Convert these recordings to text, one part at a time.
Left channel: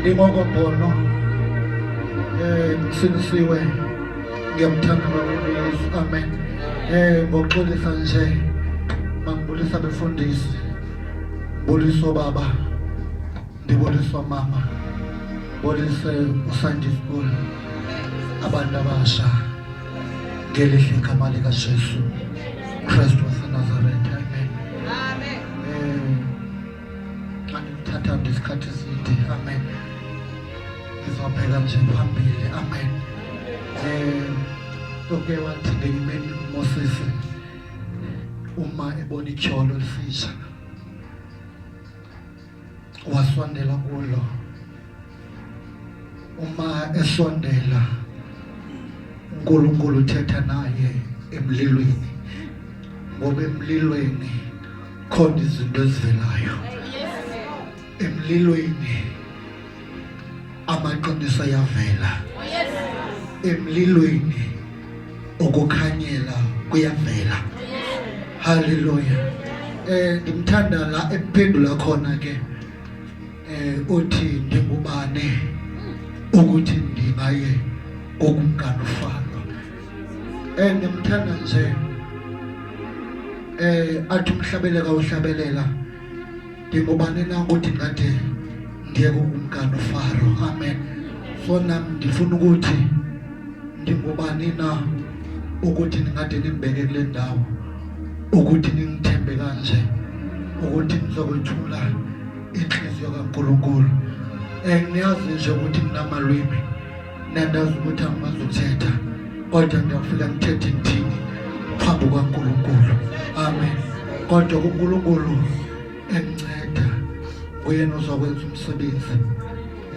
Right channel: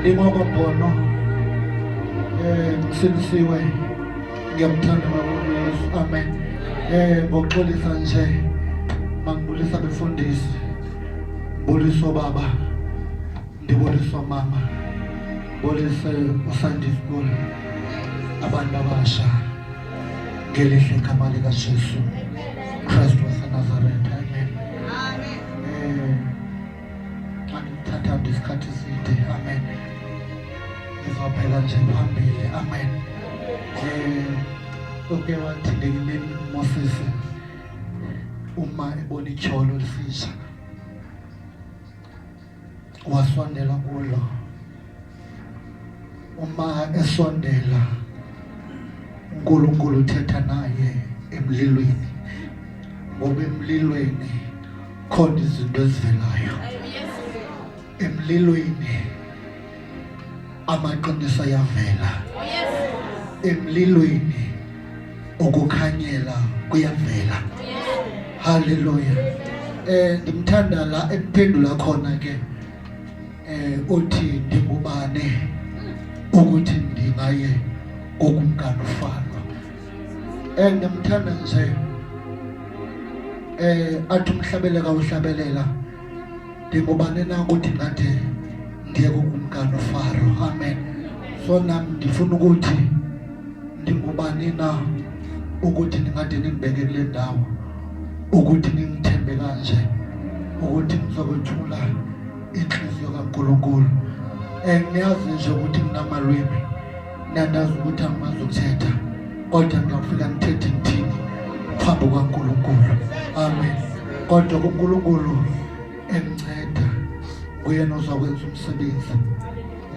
Brother Bhono, sinisiwe ngiyamthanda kakhulu Yesu. Amen. Ngokuxolisa nje mangibulisa befundisi, buliso baba, ndibuliso mama, bulise uSunday school, abantu abasha ngelihle igama lika Jesu Kristu waseNazaretha. Amen. Andithatha isikhathi eside. Amen. Ngizobheka nje phambili. Amen. Uke wathi ngekimeni Moses uma ebona ityholo lisisha wasondela kulo. Uma esondela uNkulunkulu uthetha naye emlilweni, ngoba emlilweni khona izinto ezivelayo. Emlilweni amaqiniso ayavela. Emlilweni ukukhanyela kuyavela. Hallelujah. Ngimthanda la ephendula khona ke uthi ndingubane ukuthi ndingaye kokumkani uFaro. Ngimthanda nje athi umhlabeleka uhlabelela ndingubane na ukuthi ngathi ndiye kokumkani uFaro. Amen. So nami ndifuna ukuthi ndingubani na ukuthi ningade nimbeke kule ndawo, ukuthi ningithembe kanje, ukuthi nizokwethula inhliziyo kaNkulunkulu. Niyazi nje ukuthi nginamalwimi, nandazi ukuthi angimazothetha, kodwa ngiyafika ngithethe ngithini phambi kwaNkulunkulu. Amen. Kodwa uNkulunkulu emnceda, uyena uzokwenza umsebenzi.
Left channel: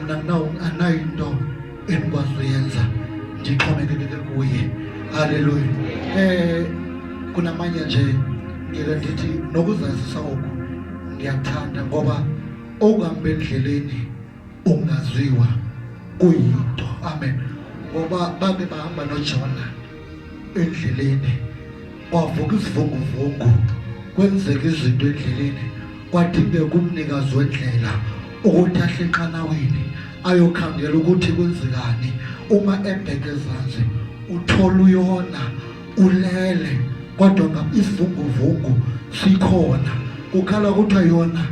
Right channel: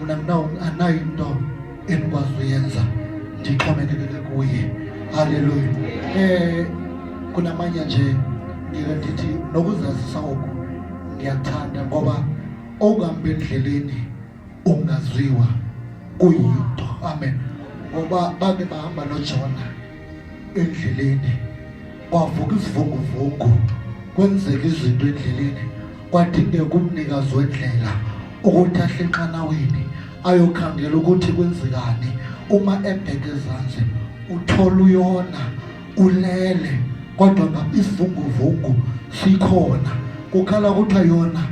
Mina anayo into engikwazi uyenza, ndixhomekeke kuye. Hallelujah. Kunamanye nje ngeke ndithi nokuzazisa oku ngiyathanda, ngoba okuhamba endleleni ungaziwa kuyinto. Amen. Ngoba babe bahamba noJona endleleni, kwavuka isivunguvungu, kwenzeka izinto endleleni, kwathinde kumnikazi wendlela ukuthi ahle enqanaweni ayokhangela ukuthi kwenzekani. Uma ebheke ezansi uthola uYona ulele, kodwa isivunguvungu sikhona. Kukhala ukuthi ayona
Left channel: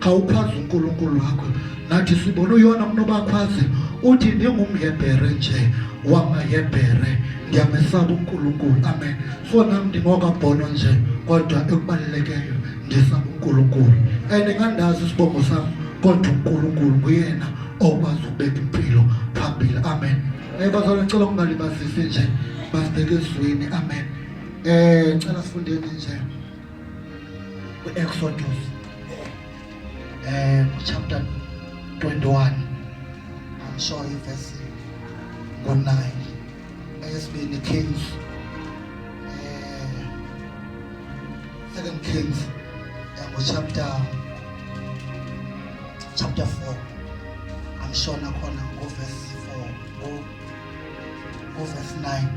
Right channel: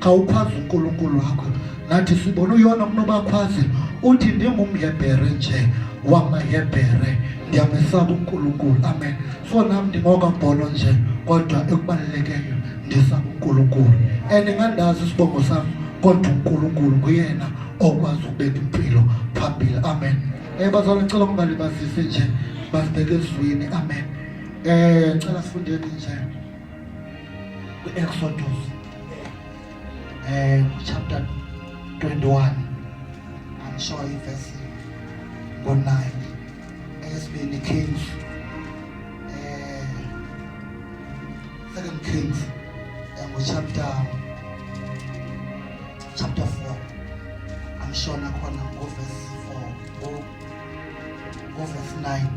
khawukhwazi uNkulunkulu wakho. Nathi sibona uYona kunobakhwazi uthi ndingumHebhere nje wamaHebhere, ndiyamesaba uNkulunkulu. Amen. So nami ndingoka Bhono nje, kodwa ekubalelekeyo ndisaba uNkulunkulu. Ngandazi isibongo sami, kodwa uNkulunkulu nguyena okwazi ukubeka impilo phambili. Amen. Bazalwane ngicela ungalibazisi nje, basibheke ezweni. Amen. Ngicela sifundeni nje ku-Exodus chapter 21. I'm sure verse 9. Esibini Kings, 2 Kings, chapter 4. I'm sure nakhona verse 4 verse 9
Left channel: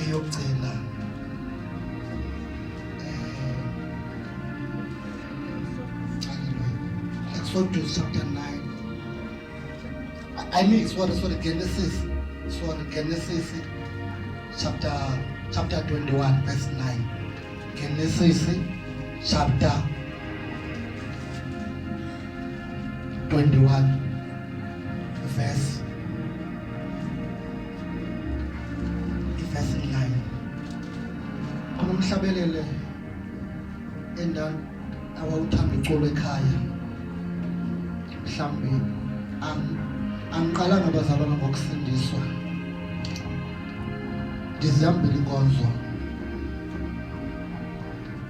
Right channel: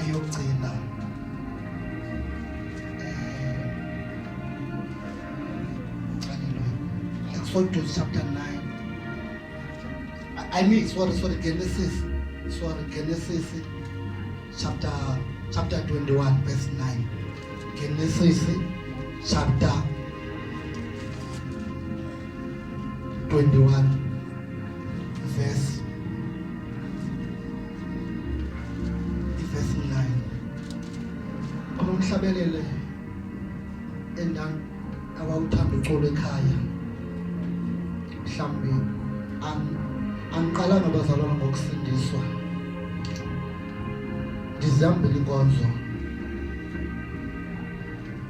eyogcina. Exodus chapter 9. I mean, sorry, Genesis chapter 21 verse 9. Genesis chapter 21 verse 9. Kunomhlabelele endan abawuthanda uxolo ekhaya. Mhlambe angiqalanga abazalwana ngokusindiswa, ndizihambile inkonzo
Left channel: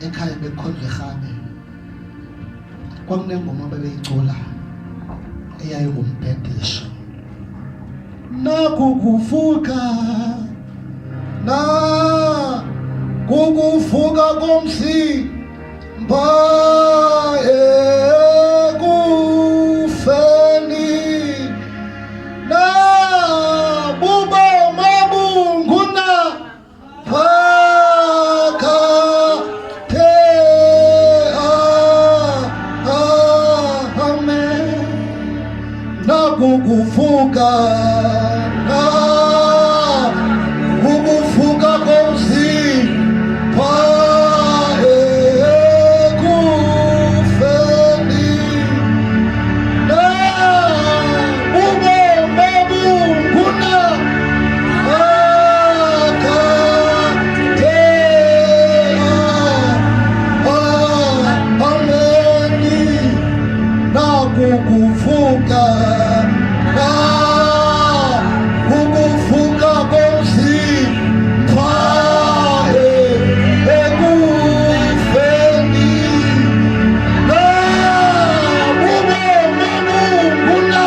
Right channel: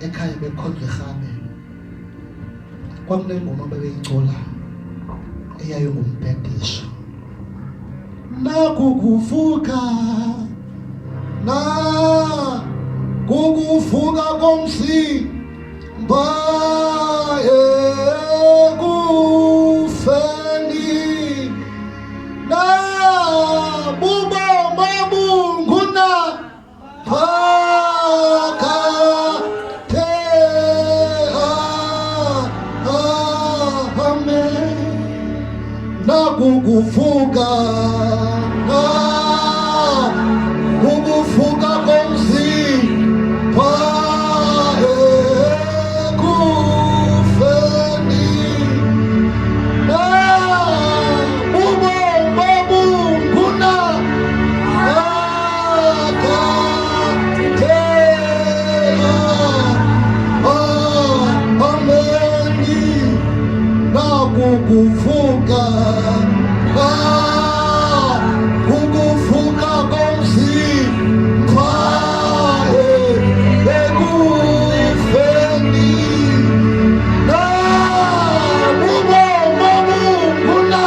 ekhaya bekhonza eRhabe. Kwakunengoma babeyicula eyayingumbhedesho. Nakukuvuka komzimba kuku ukuvuka komzimba ekufeni ubomi obunguna ukuvuka ukuvuka komzimba ekufeni ubomi obunguna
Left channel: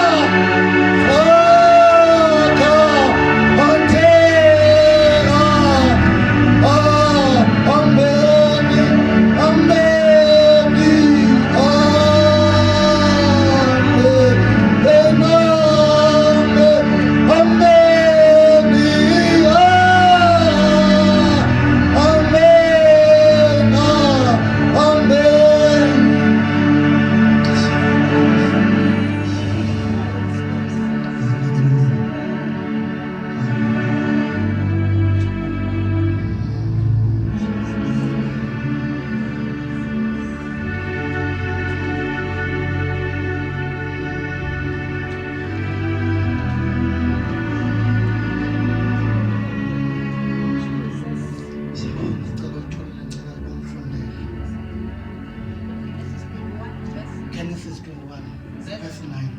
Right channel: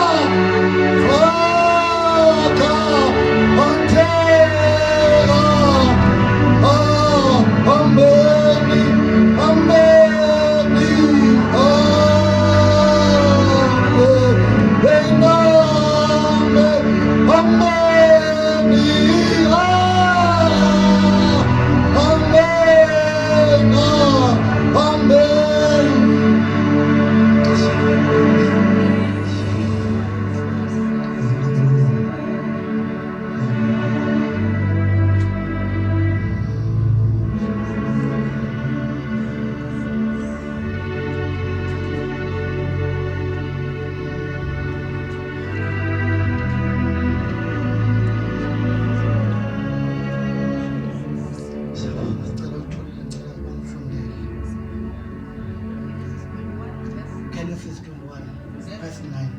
Genesis 21 verse 9.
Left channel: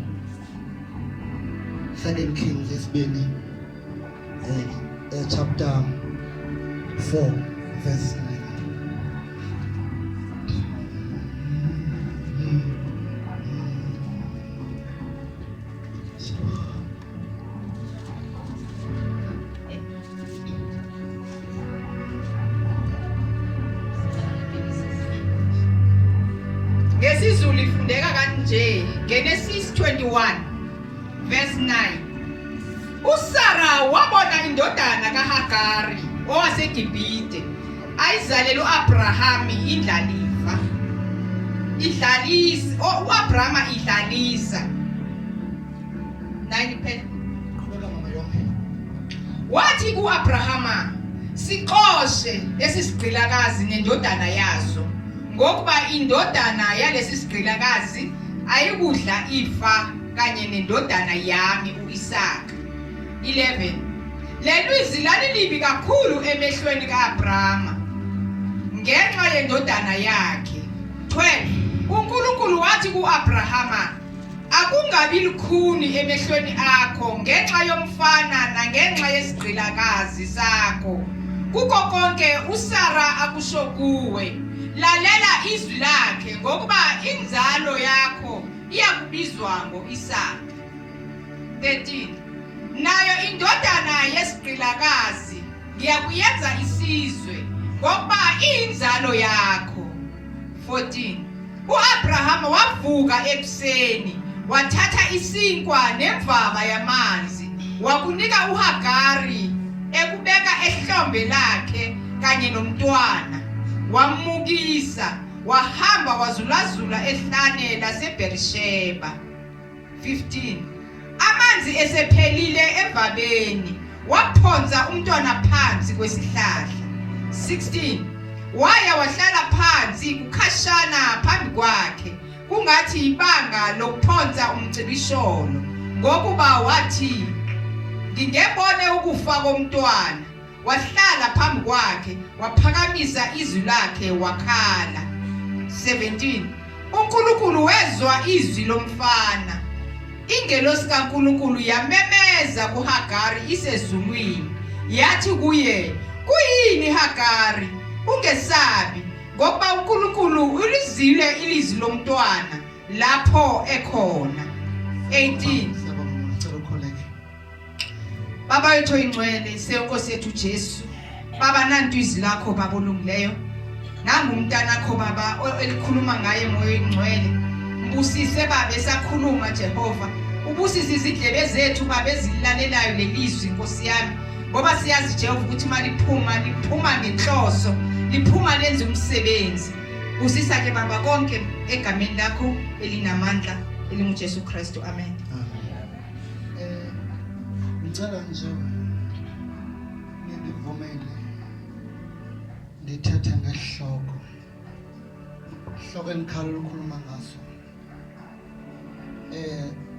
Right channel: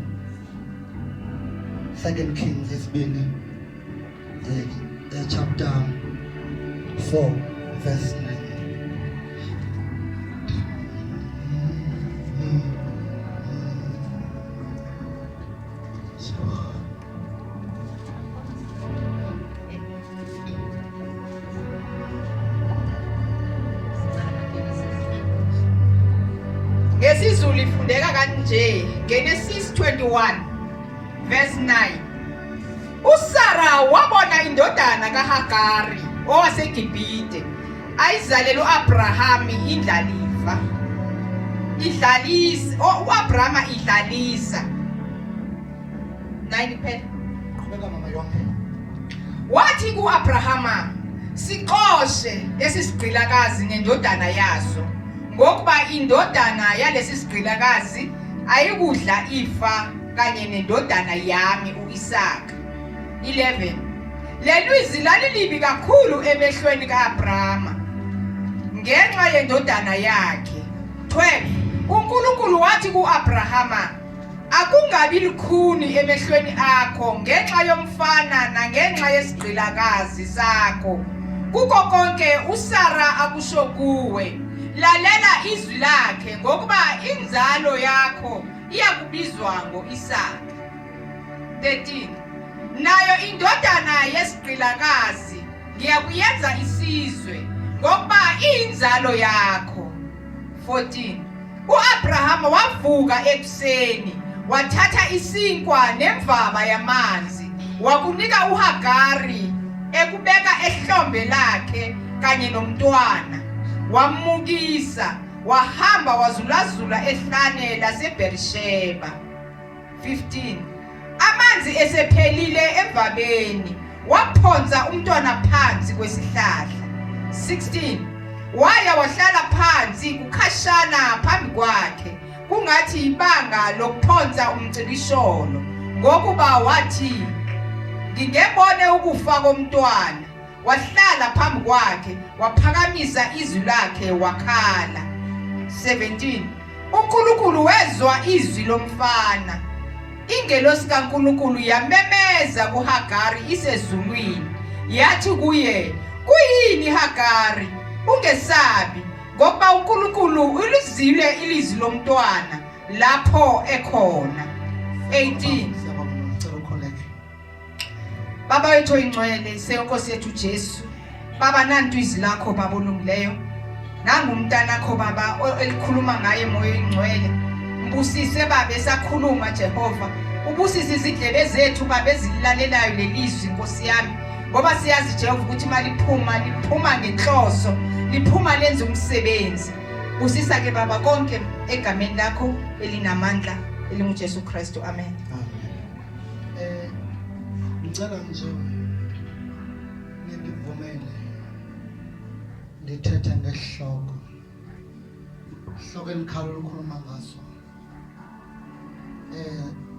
2 Kings isibini chapter 4 verse 9. Ngesizulu ifundeka kanje, Genesis 21 verse 9. uSara wabona indodana kaHagari owaseGibhite ayizalele uAbraham indlalifa. uAbraham idlalisa 9 phet. Qhubeka mama yonke. Wathi kuAbrahama, siqoshe lesi sigqilakazi nendodana yaso, ngokuba indodana yalesi sigqilakazi ayikudla ifa kanye nendodana yami uIsaka. 11. Lelizwi lalilibi kakhulu emehlweni kaAbrahama ngenxa yendodana yakhe. 12. uNkulunkulu wathi kuAbrahama, akungabi lukhuni emehlweni akho ngenxa yomfana nangenxa yesigqilakazi sakho. Kuko konke uSara akusho kuwe, lalela izwi lakhe, ngokuba inzalo yakho iyakubizwa ngoIsaka. 13. Nayo indodana yesigqilakazi ngiyakuyenza isizwe, ngokuba inzalo yakho. 14. uAbrahama wavuka ekuseni, wathatha isinkwa nemvaba yamanzi, wakunika uHagari ekubeka ehlombe lakhe kanye nomntwana, wamukisa, wahamba wazulazula ehlane laseBerisheba. 15. Amanzi esephelile evabeni, waphonsa umntwana phansi kwesihlahla. 16. Waya wahlala phansi kukhashana phambi kwakhe, kungathi ibanga lokuphonsa umcibisholo, ngokuba wathi, ngingebone ukufa komntwana. Wahlala phambi kwakhe, waphakamisa izwi lakhe wakhala. 17. uNkulunkulu wezwa izwi lomfana. Ingelosi kaNkulunkulu yamemeza kuHagari isezulwini, yathi kuye, kuyini Hagari? Ungesabi, ngoba uNkulunkulu ulizwile ilizwi lomntwana lapho ekhona. 18. Baba wethu oyingcwele, seNkosi yethu Jesu, Baba nantu izwi lakho Baba olungileyo, nangumntana wakho Baba elikhuluma ngaye moya oyingcwele. Mbusise Baba esakhuluma Jehova, ubusise izidlebe zethu Baba ezilalelayo lelizwi Nkosi yami, ngoba siyazi Jehova ukuthi liphuma ngenhloso, liphuma lenza umsebenzi. Busisa ke Baba konke egameni lakho elinamandla elinguJesu Kristu. Amen. ngicela nje nindivumele ndithethe ngesihloko enikhala ukukhuluma ngaso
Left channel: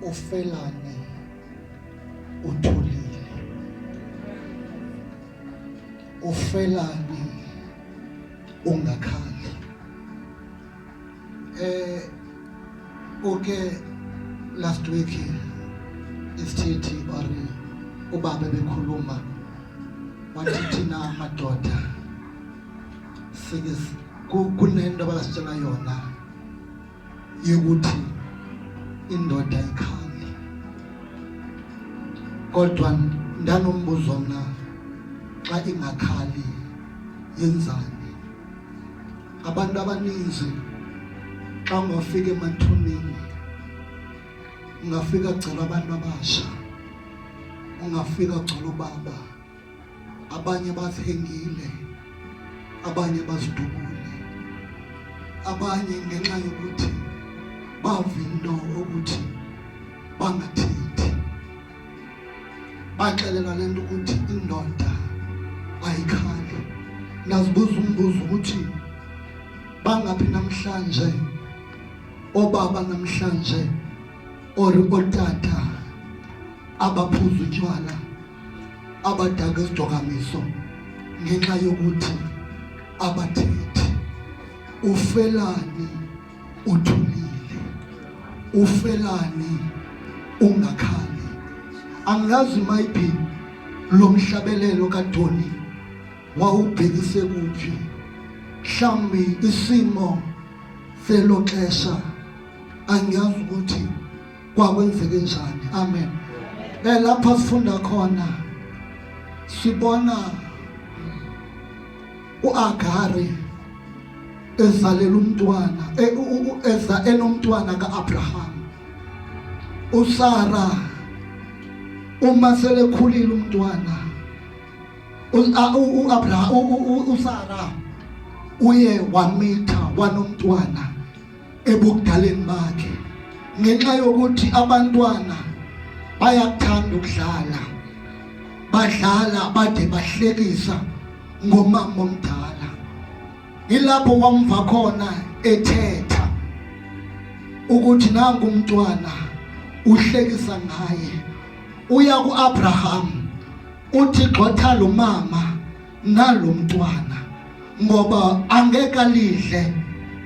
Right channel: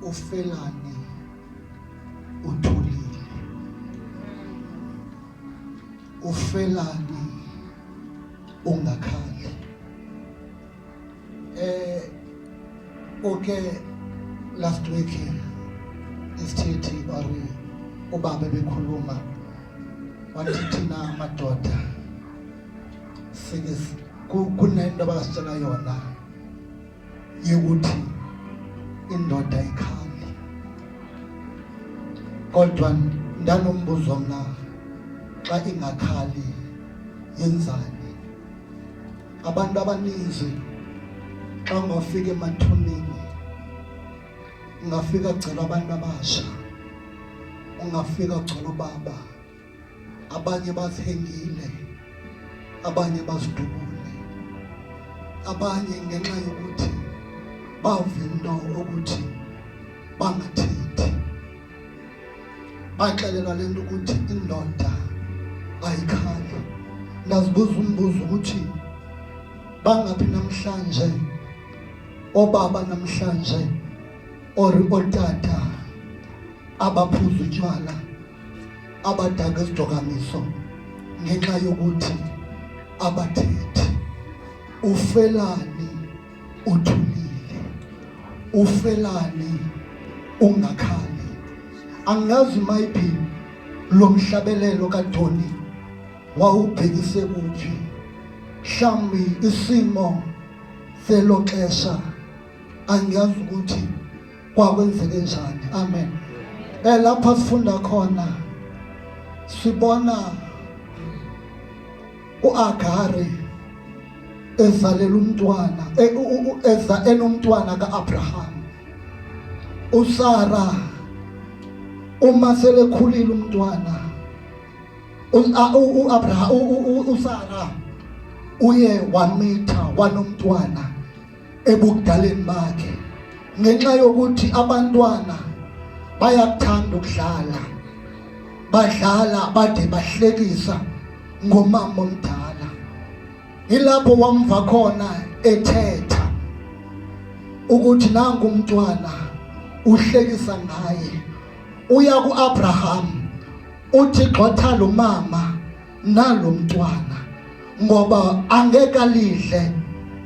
ufelani uthulile ufelani ungakhali okay last week isithi ori ubaba bekhuluma wathi thina madoda sikes kunento abasitshela yona yokuthi indoda ikhali kodwa ndanombuzo mna xa ingakhali yenzani abantu abaninzi xa ungafika emathuneni ungafika gcela abantu abasha ungafika gcela ubaba abanye bazihengile abanye bazidubule abanye ngenxa yokuthi bavinto ukuthi bangathethi baxelela lento ukuthi indoda ayikhali ndazibuza umbuzo ukuthi bangaphi namhlanje obaba namhlanje otata abaphuza utywala abadaka isidokamiso ngenxa yokuthi abathethi ufelani uthulile ufelani ungakhali angazi maybe lo mhlabelelo kaDoni wawubhekise kuphi mhlambi isimo seloxesha angazi ukuthi kwakwenzeke njani amen lapha sifunda khona sibona uAgari ezalela umntwana enomntwana kaAbraham uSara uma selekhulile umntwana uSara uye wamitha wanomntwana ebukudaleni bakhe ngenxa yokuthi abantwana bayakuthanda ukudlala badlala bade bahlekisa ngomama omdala ilapho wamva khona ethetha ukuthi nangu umntwana uhlekisa ngaye uya kuAbraham uthi xotha lo mama nalo mntwana ngoba angeka lidle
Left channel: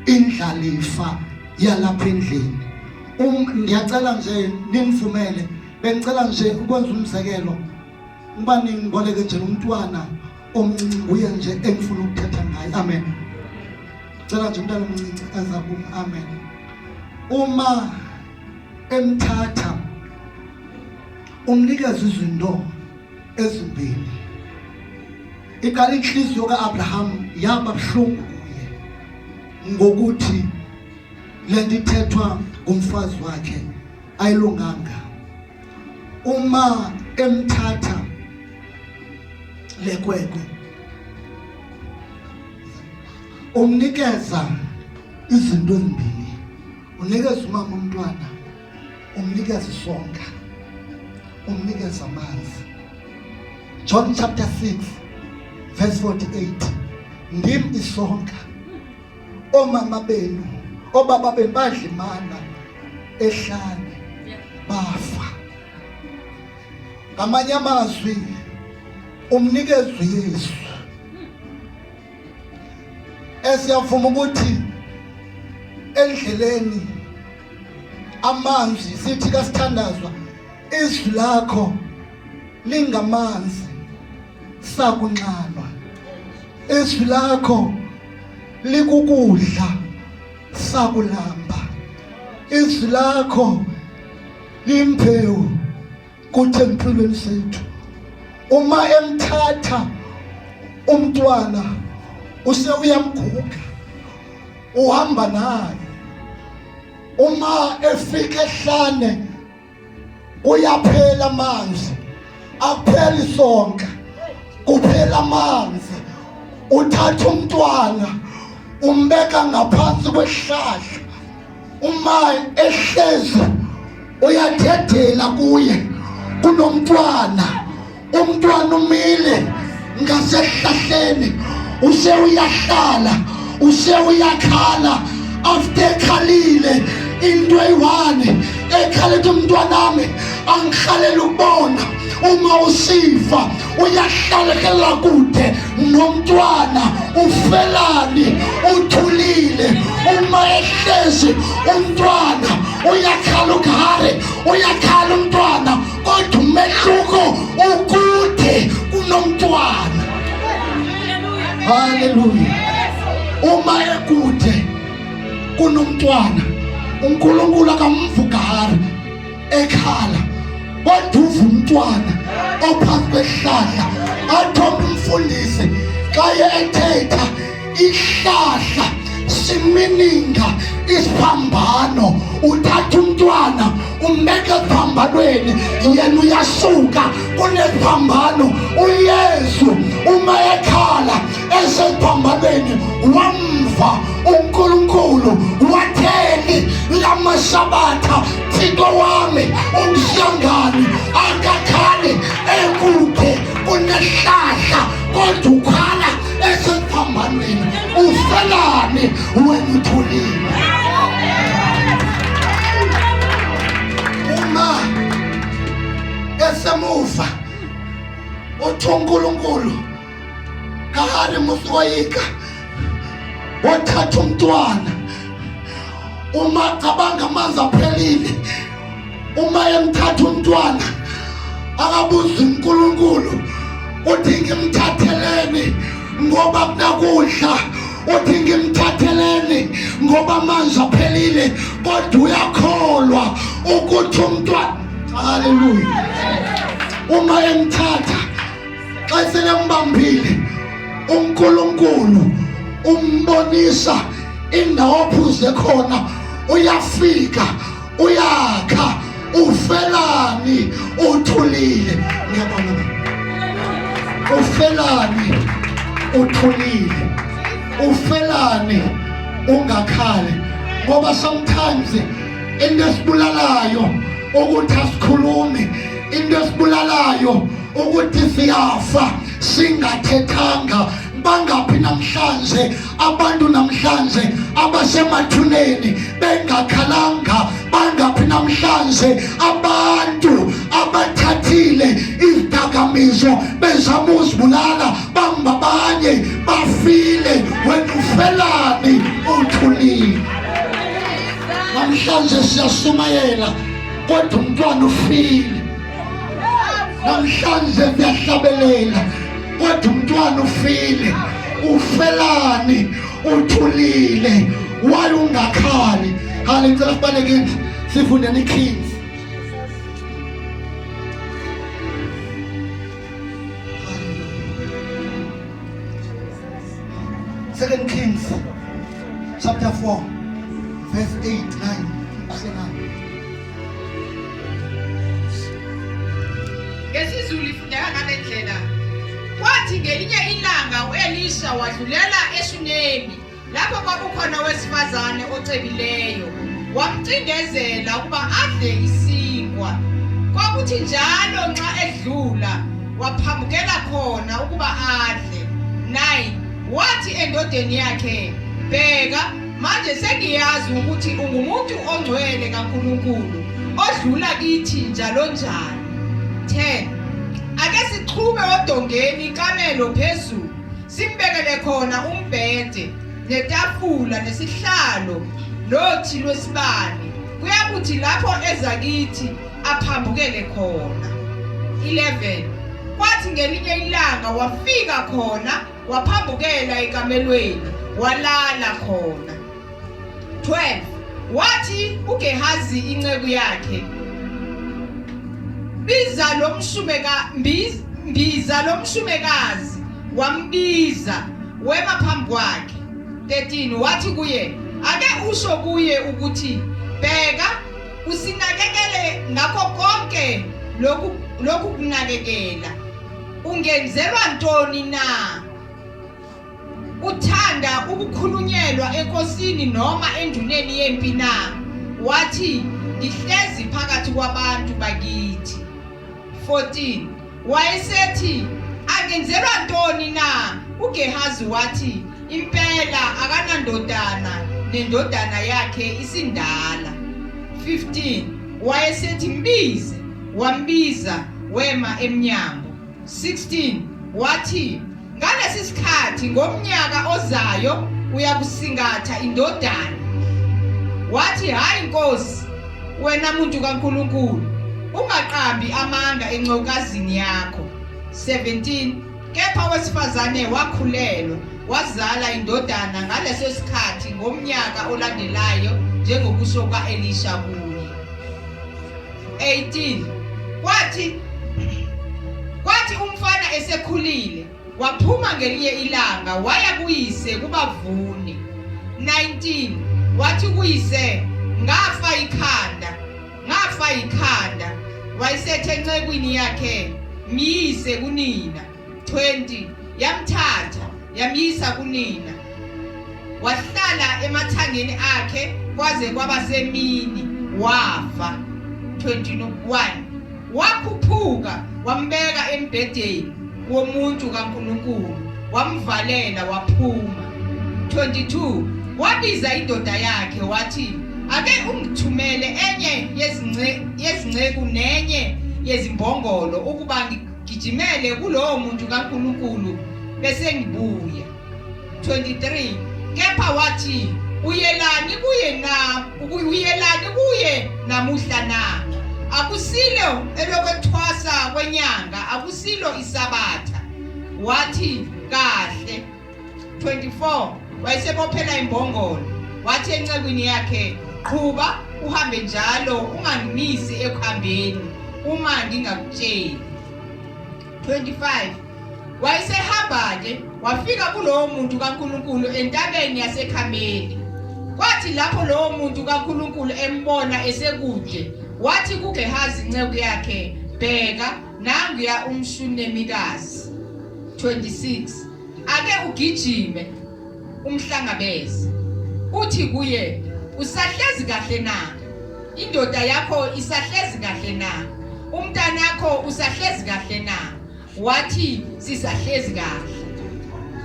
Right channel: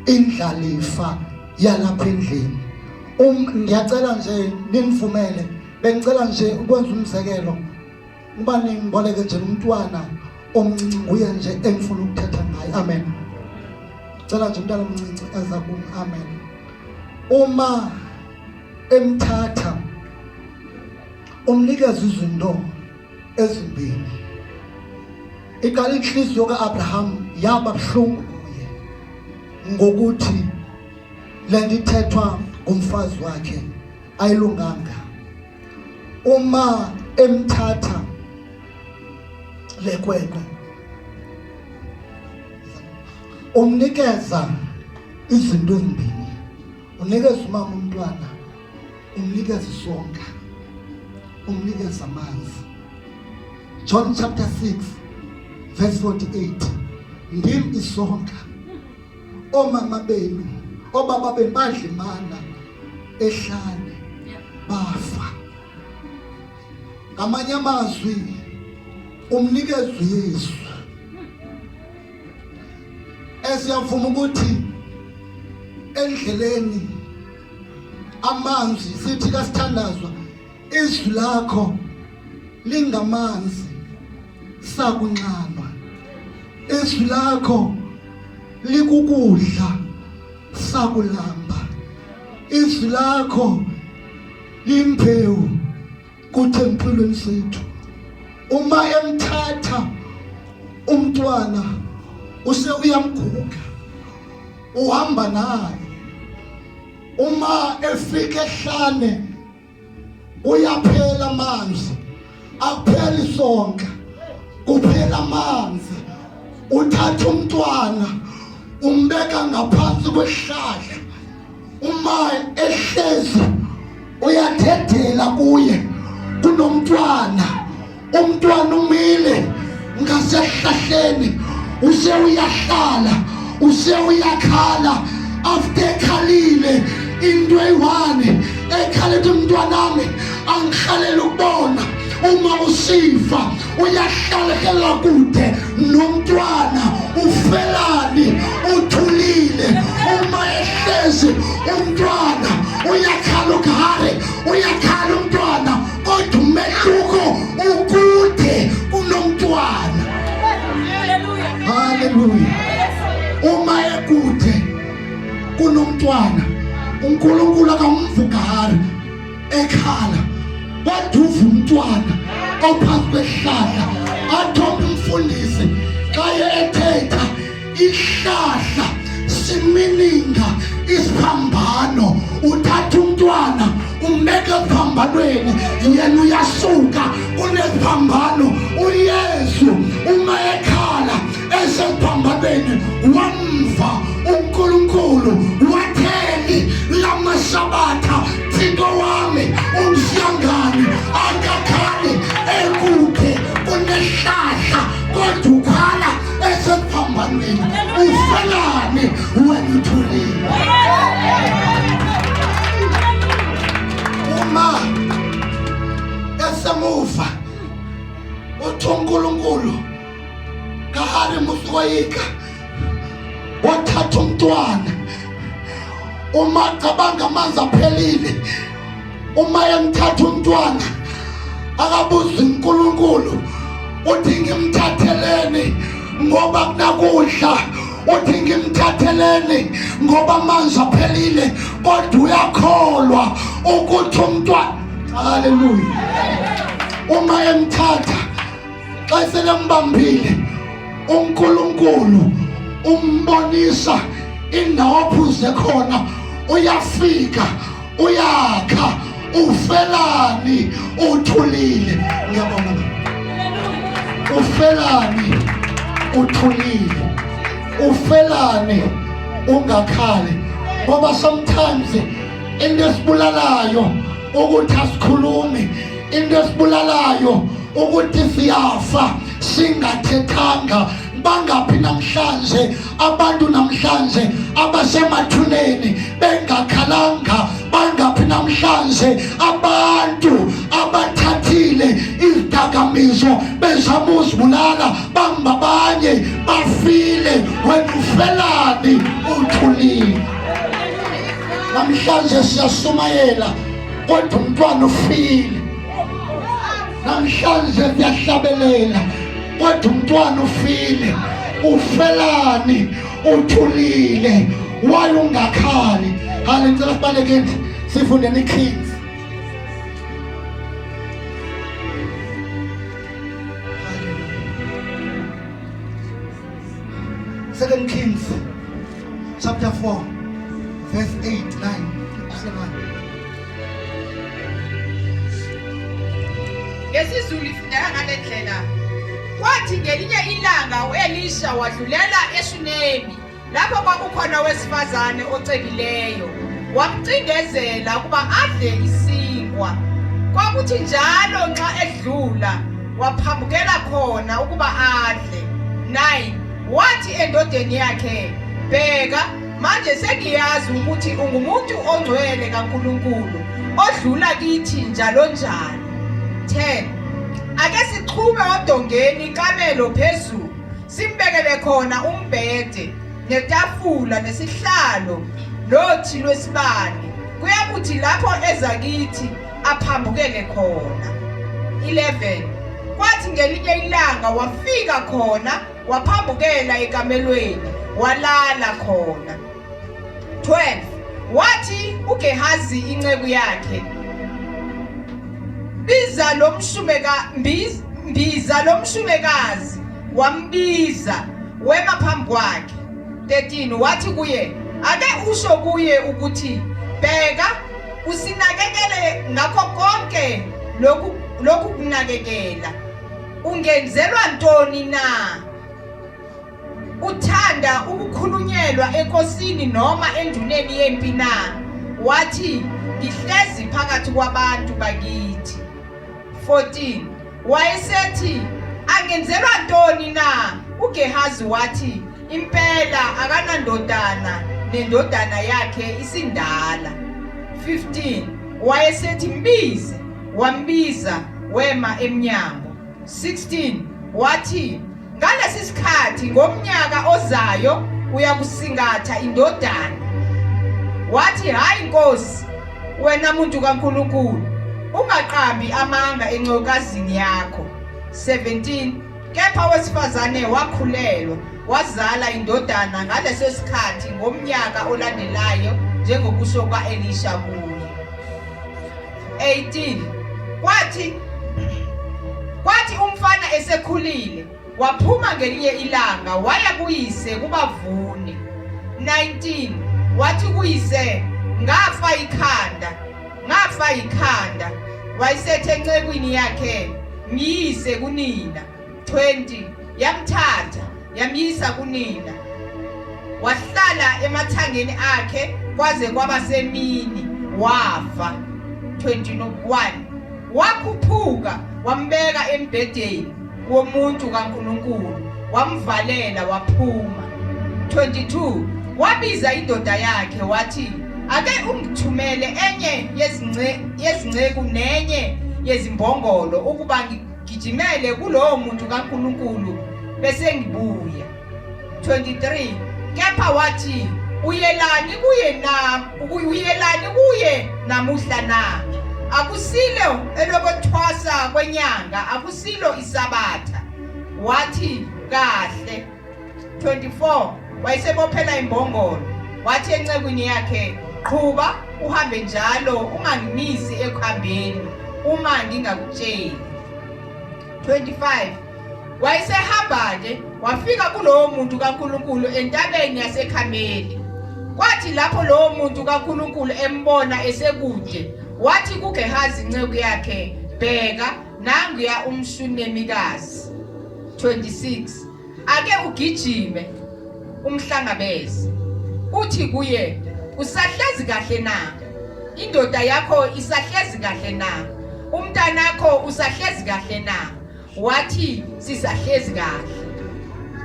indlalifa yalapha endlini ngiyacela nje ninivumele bengicela nje ukwenza umzekelo ubani ngiboleke nje umntwana omncinci nguye nje engifuna ukuthetha ngaye amen cela nje umntwana omncinci ezakum amen uma emthatha umnikeza izinto ezimbili ikali inhliziyo kaAbraham yaba buhlungu kuye ngokuthi lento ithethwa ngumfazi wakhe ayilunganga uma emthatha lekwekwe umnikeza izinto ezimbili unikeza umama umntwana umnikeza isonka umnikeza amanzi John chapter 6 verse 48 ndim isonka omama benu obaba benu badlimana ehlane bafa ngamanye amazwi umnikeza uYesu esiyavuma ukuthi endleleni amanzi sithi kasithandazwa izwi lakho lingamanzi sakunxanwa izwi lakho likukudla sakulamba izwi lakho limpewu kuthi empilweni sethu uma emthatha umntwana use uyamguga uhamba naye uma efika ehlane uyaphela amanzi akuphela isonka kuphela amanzi uthatha umntwana umbeka ngaphansi kwesihlahla uma ehlezi uyadedela kuye kunomntwana umntwana umile ngasehlahleni use uyahlala use uyakhala after ekhalile into eyi-1 ekhala ethi umntwanami angikhalela ukubona uma usifa uyahlala hlela kude nomntwana ufelani uthulile uma ehlezi umntwana uyakhala ukhare uyakhala umntwana kodwa umehluko ukude kunomntwana. Haleluya. Uma ekude kunomntwana uNkulunkulu akamvugari ekhala kodwa uva umntwana ophansi kwehlahla athombe umfundisi xa ethetha ihlahla simininga isiphambano uthatha umntwana umbeka esiphambanweni yena uyasuka kuneziphambano. uYesu uma ekhala esesiphambanweni wamva uNkulunkulu watheni lamasabatha Thixo wami umhlangani akakhali ekude kunehlahla kodwa ukhala esesiphambanweni ufelani wena uthulile. Uma esemuva uthi uNkulunkulu kahari musoyika wathatha umntwana uma cabanga amanzi aphelile uma emthatha umntwana akabuza uNkulunkulu uthi ngimthatheleni ngoba kunakudla uthi ngimthatheleni ngoba amanzi aphelile kodwa uyakholwa ukuthi umntwana. Haleluya. Uma emthatha xa selembambile uNkulunkulu umbonisa indawo ophuze khona uyafika uyakha ufelani uthulile. Ngiyabonga. Ufelani uthulile ufelani ungakhali ngoba sometimes into esibulalayo ukuthi asikhulumi into esibulalayo ukuthi siyafa singathethanga. Bangaphi namhlanje abantu namhlanje abasemathuneni bengakhalanga? Bangaphi namhlanje abantu abathathile izidakamizwa bezama uzibulala bangabanye bafile wena ufelani uthulile? Namhlanje siyasumayela kodwa umntwana ufile. Namhlanje siyahlabelela kodwa umntwana ufile. Ufelani uthulile waye ungakhali. Hale ngicela sibaleke sifunde neKings. Second Kings chapter 4 verse 8, 9. Ngesizulu ifundeka ngalendlela. Kwathi ngelinye ilanga uElisha wadlulela eShunemi lapho kwakukhona owesifazane ocebileyo. Wamcindezela ukuba adle isinkwa. Kwakuthi njalo nxa edlula waphambukela khona ukuba adle. 9. Wathi endodeni yakhe, bheka manje sengiyazi ukuthi ungumuntu ongcwele kaNkulunkulu odlula kithi njalo njalo. 10. Ake siqhume odongeni kamelo phezulu simbekele khona umbhede netafula nesihlalo lothi lwesibane kuyakuthi lapho eza kithi aphambukele khona. 11. Kwathi ngelinye ilanga wafika khona waphambukela ekamelweni walala khona. 12. Wathi uGehazi inceku yakhe, mbiza lomshumekazi wambiza wema phambi kwakhe. 13. Wathi kuye, ake usho kuye ukuthi bheka usinakekele ngakho konke lokhu kunakekela. Ungenzelwa ntoni na? Uthanda ukukhulunyelwa enkosini noma enduneni yempi na? Wathi ngihlezi phakathi kwabantu bakithi. 14. wayesethi angenzelwa ntoni na. uGehazi wathi impela akanandodana nendodana yakhe isindala. 15 wayesethi mbize, wambiza wema emnyango. 16 wathi ngalesi sikhathi ngomnyaka ozayo uyakusingatha indodana. Wathi hayi Nkosi, wena muntu kaNkulunkulu, ungaqambi amanga encokazini yakho. 17 kepha wesifazane wakhulelwa wazala indodana ngaleso sikhathi ngomnyaka olandelayo njengokusho kaElisha kuye. 18 kwathi umfana esekhulile waphuma ngelinye ilanga waya kuyise kubavuni. 19 wathi kuyise ngafa ikhanda. Wayesethe encekwini yakhe miyise kunina. 20 yamthatha yamyisa kunina. Wahlala emathangeni akhe kwaze kwaba semini wafa. 21 wakhuphuka wambeka embhedeni womuntu kaNkulunkulu wamvalela waphuma. 22 wabiza indoda yakhe wathi ake ungithumele enye yezinceku nenye yezimbongolo ukuba ngigijimele kulowo muntu kaNkulunkulu bese ngibuya. 23 kepha wathi uyelani kuye namuhla na? Akusilo elokuthwasa kwenyanga, akusilo isabatha. Wathi kahle. 24 wayesebophela imbongolo wathi encekwini yakhe qhuba uhambe njalo ungangimisi ekuhambeni uma ngingakutsheli. 25 wayesehamba nje wafika kulowo muntu kaNkulunkulu entabeni yaseKhameli. Kwathi lapho lowo muntu kaNkulunkulu embona esekude wathi kuGehazi inceku yakhe bheka nanguya umshunemikazi. 26 ake ugijime umhlangabeze uthi kuye usahlezi kahle na? Indoda yakho isahlezi kahle na? Umntanakho usahlezi kahle na? Wathi sisahlezi kahle.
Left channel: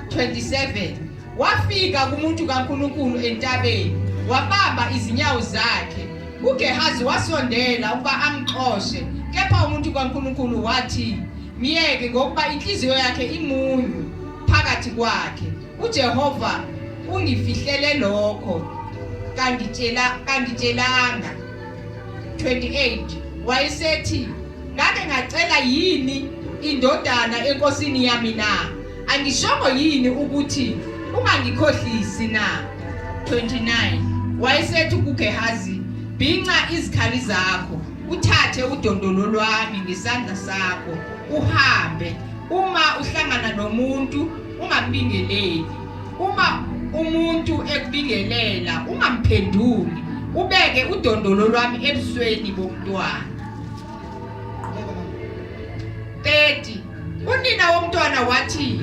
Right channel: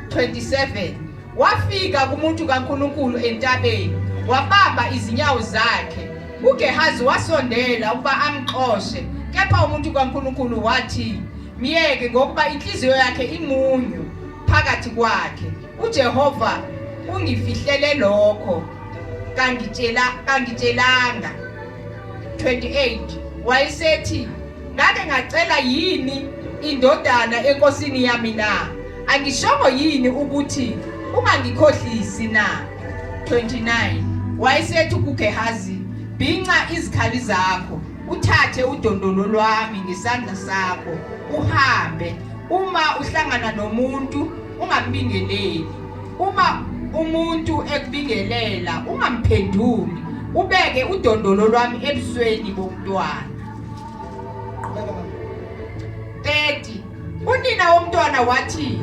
27 wafika kumuntu kaNkulunkulu entabeni wabamba izinyawo zakhe. uGehazi wasondela ukuba amxoshe, kepha umuntu kaNkulunkulu wathi miyeke ngokuba inhliziyo yakhe imunyu phakathi kwakhe. uJehova ungifihlele lokho kangitshelanga. 28 wayesethi ngake ngacela yini indodana enkosini yami na? Angishongo yini ukuthi ungangikhohlisi na? 29 wayesethi kuGehazi bhinca izikhali zakho uthathe udondolo lwami ngesandla sakho uhambe. Uma uhlangana nomuntu ungambingeleli. Uma umuntu ekubingelela ungamphenduli. Ubeke udondolo lwami ebusweni bomntwana. 30 unina womntwana wathi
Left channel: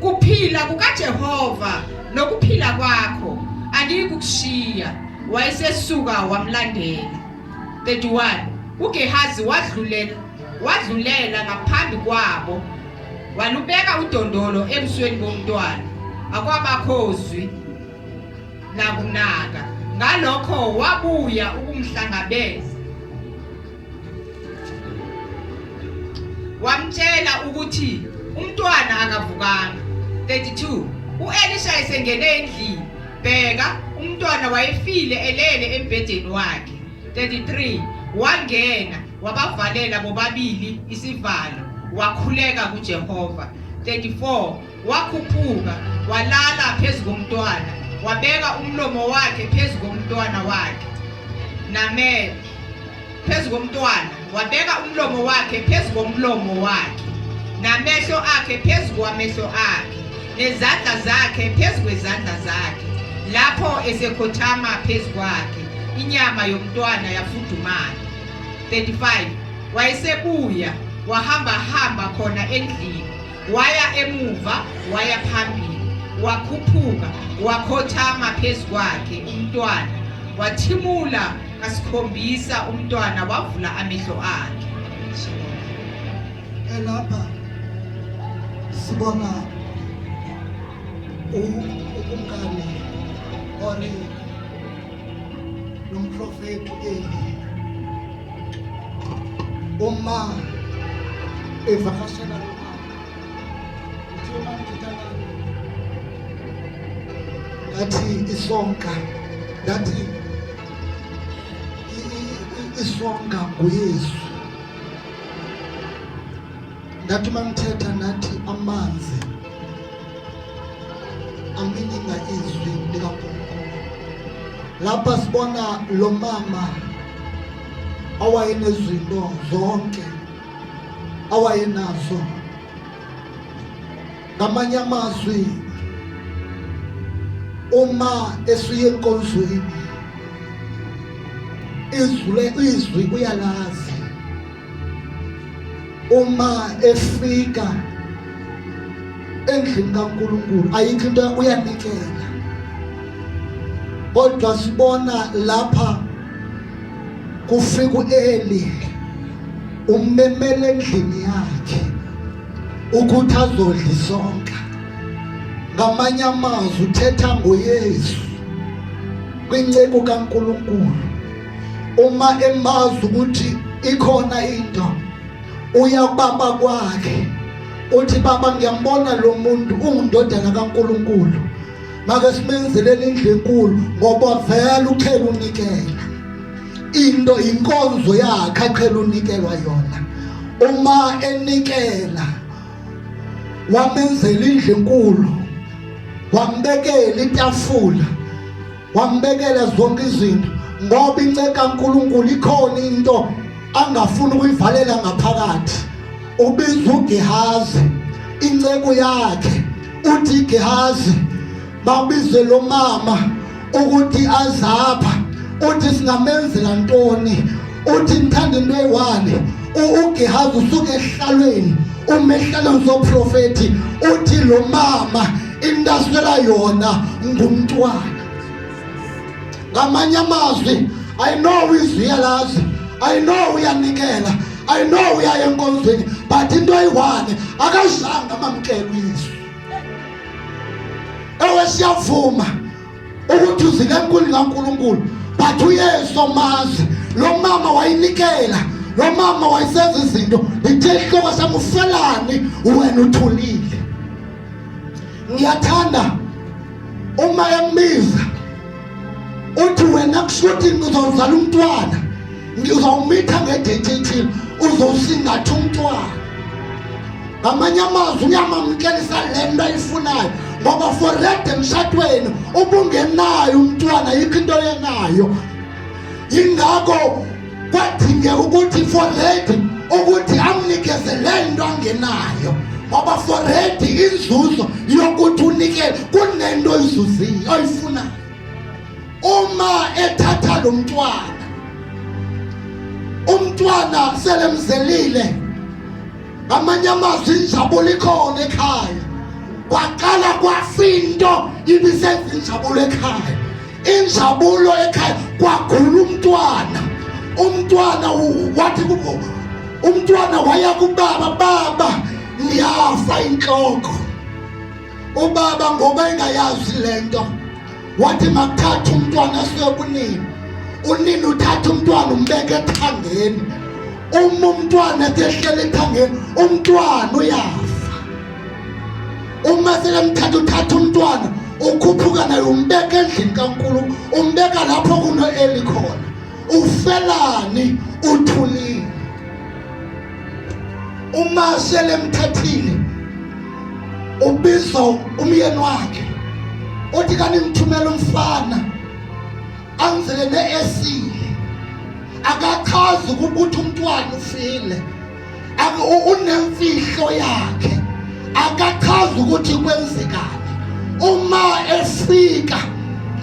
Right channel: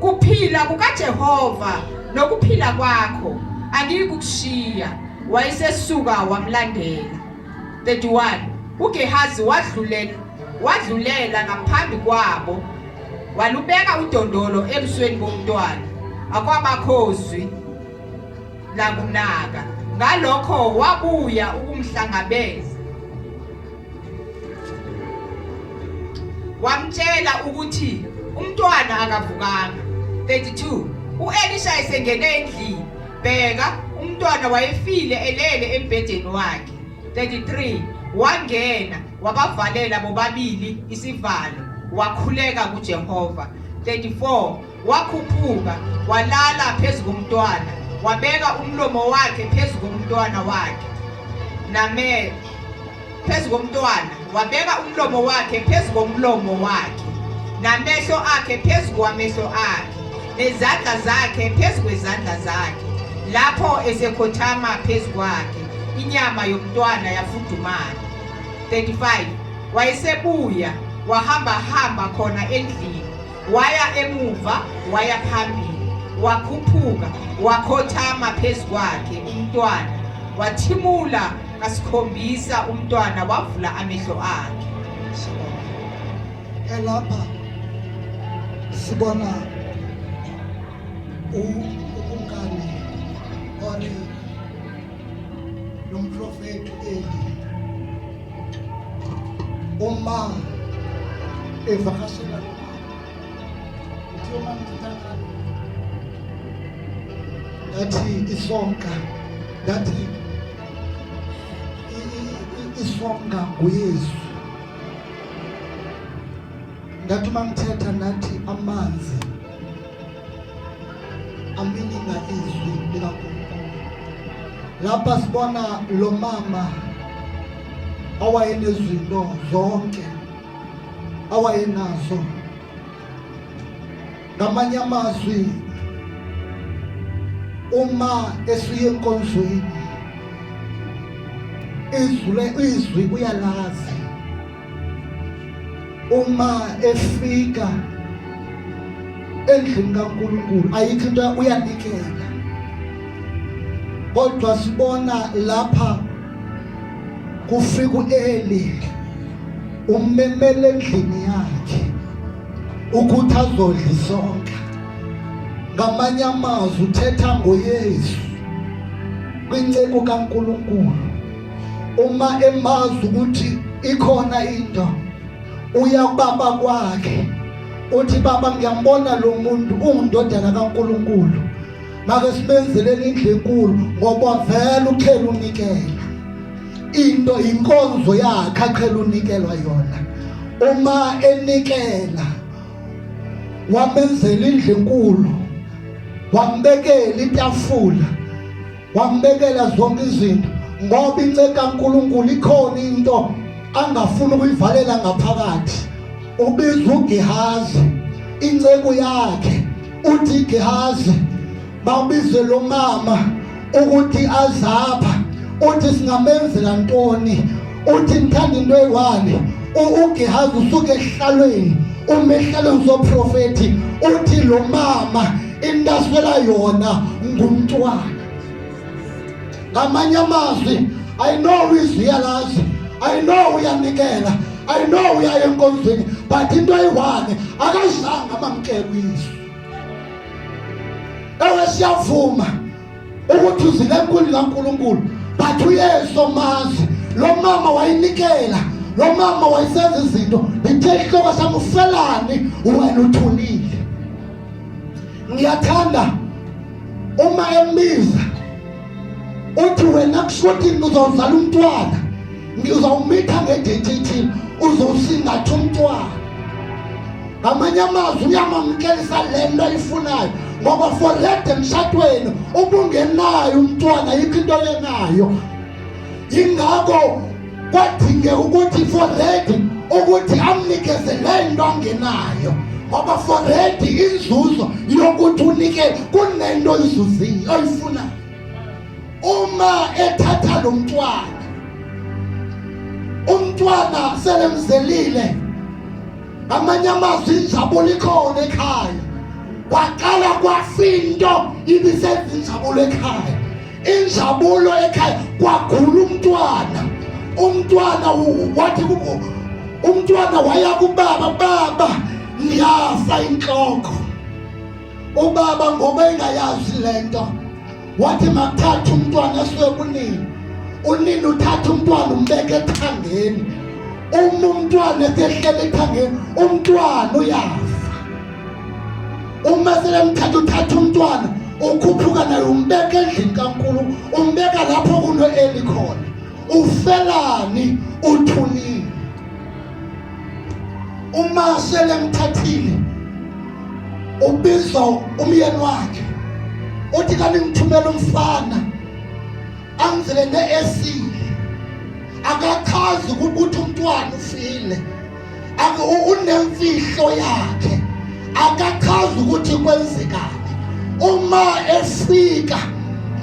kuphila kukaJehova nokuphila kwakho angikukushiya. Wayesesuka wamlandela. 31 uGehazi wadlulela ngaphambi kwabo walubeka udondolo ebusweni bomntwana. Akwabakhozwi lakunaka. Ngalokho wabuya ukumhlangabeza wamtshela ukuthi umntwana akavukanga. 32 uElisha esengene endlini bheka umntwana wayefile elele embhedeni wakhe. 33 wangena wabavalela bobabili isivalo wakhuleka kuJehova. 34 wakhuphuka walala phezu komntwana wabeka umlomo wakhe phezu komntwana wakhe phezu komntwana wabeka umlomo wakhe phezu komlomo wakhe namehlo akhe phezu kwamehlo akhe nezandla zakhe phezu kwezandla zakhe. Lapho esekhothama phezu kwakhe inyama yomntwana yafudumala. 35 wayesebuya wahamba khona endlini waya emuva waya phambili wakhuphuka wakhothama phezu kwakhe umntwana wathimula ngasikhombisa umntwana wavula amehlo akhe. elapha sibona umngane ori lomprofeti Eli uma evakashela lo mama uthi uma ngithanda ngathi isonka ngathi isonga nguYesu ngathi mangithetha nathi amanzi amininga izwi likaNkulunkulu lapha sibona lo mama awayenezinto zonke awayenazo ngamanye amazwi uma esuye enkonzweni izwi uyalazi uma efika endlini kaNkulunkulu ayikho into uyanikela kodwa sibona lapha kufika uEli ummemele endlini yakhe ukuthi azodla isonka ngamanye amazwi uthetha ngoYesu kwinceko kaNkulunkulu uma emazi ukuthi ikhona into uya kubaba kwakhe uthi baba ngiyambona lo muntu ungindodana kaNkulunkulu make simenzelele indlu enkulu ngoba vele uqhela unikela into inkonzo yakhe aqhela unikelwa yona uma enikela wamenzela indlu enkulu wambekela itafula wambekela zonke izinto ngoba inceka kaNkulunkulu ikhona into angafuni ukuyivalela ngaphakathi ubiza uGehazi inceko yakhe uthi Gehazi babize lo mama ukuthi azapha uthi singamenzela ntoni uthi ngithanda into eyiwani uGehazi usuke ehlalweni umehlalweni zoprofeti uthi lo mama indaswela yona ngumntwana ngamanye amazwi I know izwi yalazi I know uyanikela I know uyaya enkonzweni but into eyiwani akazange amamkela izwi ewe siyavuma ukuthi uzile enkulu kaNkulunkulu but uYesu omazi lo mama wayinikela lo mama wayisenza izinto lithe ihloko sami ufelani wena uthulile ngiyathanda uma emiza uthi wena kushuthi uzozala umntwana ngizawumitha ngedate uzosingatha umntwana ngamanye amazwi uyamamkelisa lento ayifunayo ngoba for red emshadweni ubungenayo umntwana yikho into yenayo ingakho kwadingeka ukuthi for red ukuthi amnikeze lento angenayo ngoba for red inzuzo yokuthi unikele kunento oyizuziyo oyifunayo uma ethatha lo umntwana selemzelile amanye amazwi injabulo ikhona ekhaya kwaqala kwafinto ibisenza injabulo ekhaya injabulo ekhaya kwagula umntwana wathi umntwana waya kubaba baba niyafa inhloko ubaba ngoba engayazi lento wathi makuthatha umntwana asiwe unini uthatha umntwana umbeke ethangeni umntwana esehlele ethangeni umntwana uyafa uma selemthatha uthatha umntwana ukhuphuka naye umbeke endlini kaNkulunkulu umbeka lapho kunoEli khona ufelani uthulile uma selemthathile ubiza umyeni wakhe uthi kanti ngithumela umfana angizele neesile akachazi ukuthi umntwana ufile unemfihlo yakhe akachazi ukuthi kwenzekani uma efika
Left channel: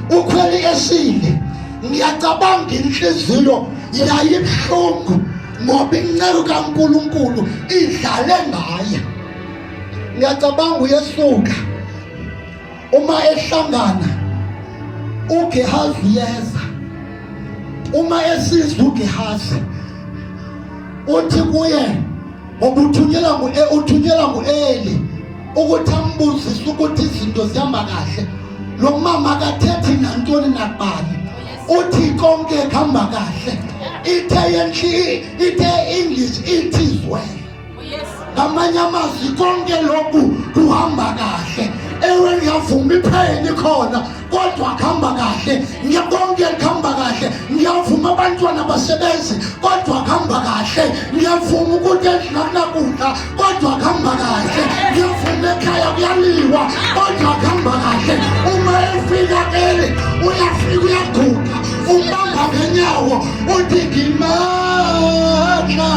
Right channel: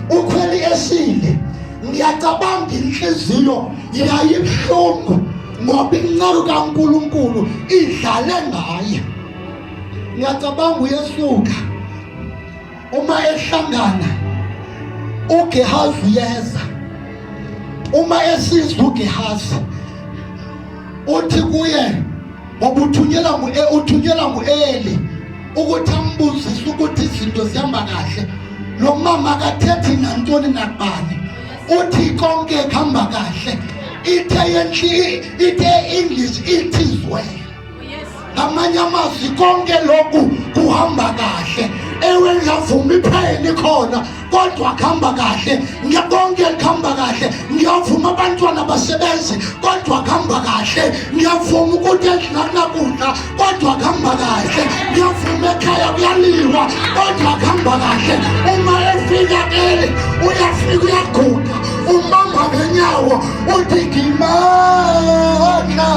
ukhweli esile ngiyacabanga inhliziyo yayibhlungu ngoba inceko kaNkulunkulu idlale ngaye ngiyacabanga uyesuka uma ehlangana uGehazi yeza uma esizwa uGehazi uthi kuye uthunyelwa nguEli ukuthi ambuzise ukuthi izinto zihamba kahle. Lo mama akathethi nantoni nakubani, uthi konke kuhamba kahle. Ithe English it is well. Ngamanye amazwi konke lokhu kuhamba kahle. Ewe ngiyavuma iphayini khona kodwa kuhamba kahle. Ngiyabonke kuhamba kahle. Ngiyavuma abantwana basebenzi kodwa kuhamba kahle. Ngiyavuma ukuthi endinakudla kodwa kuhamba kahle. Ngiyavuma ekhaya kuyaliwa kodwa kuhamba kahle. Uma efika Eli uyafika uyaguqa umbamba ngenyawo uthi ngimandla.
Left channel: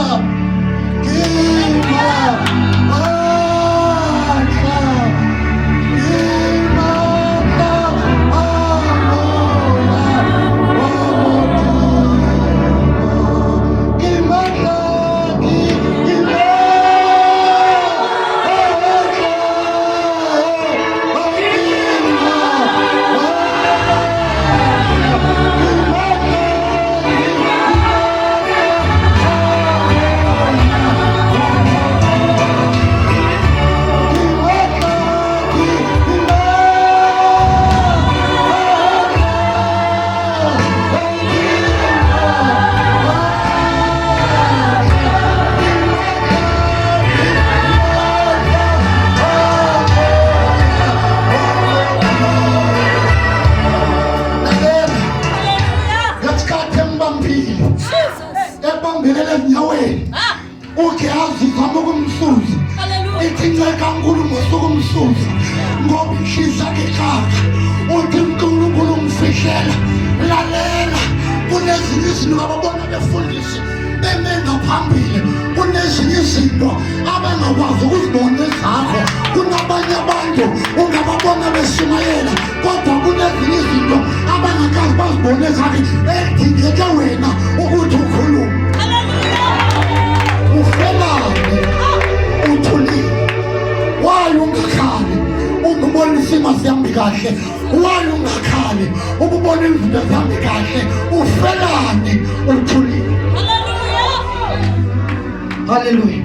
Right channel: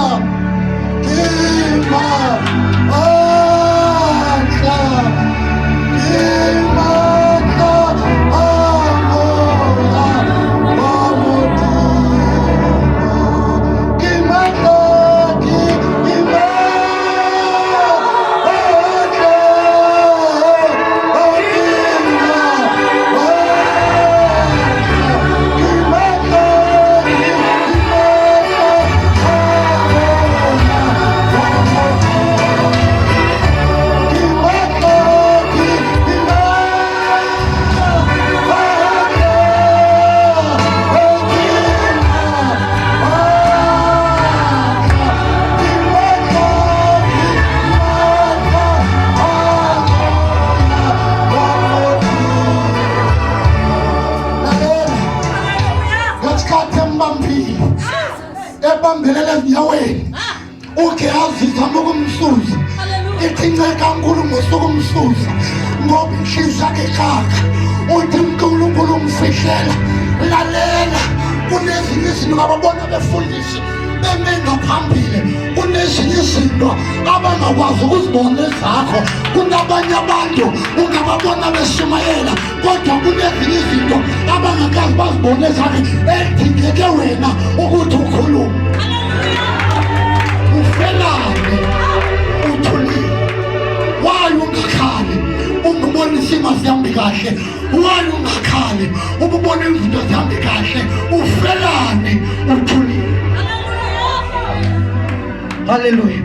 Hallelujah.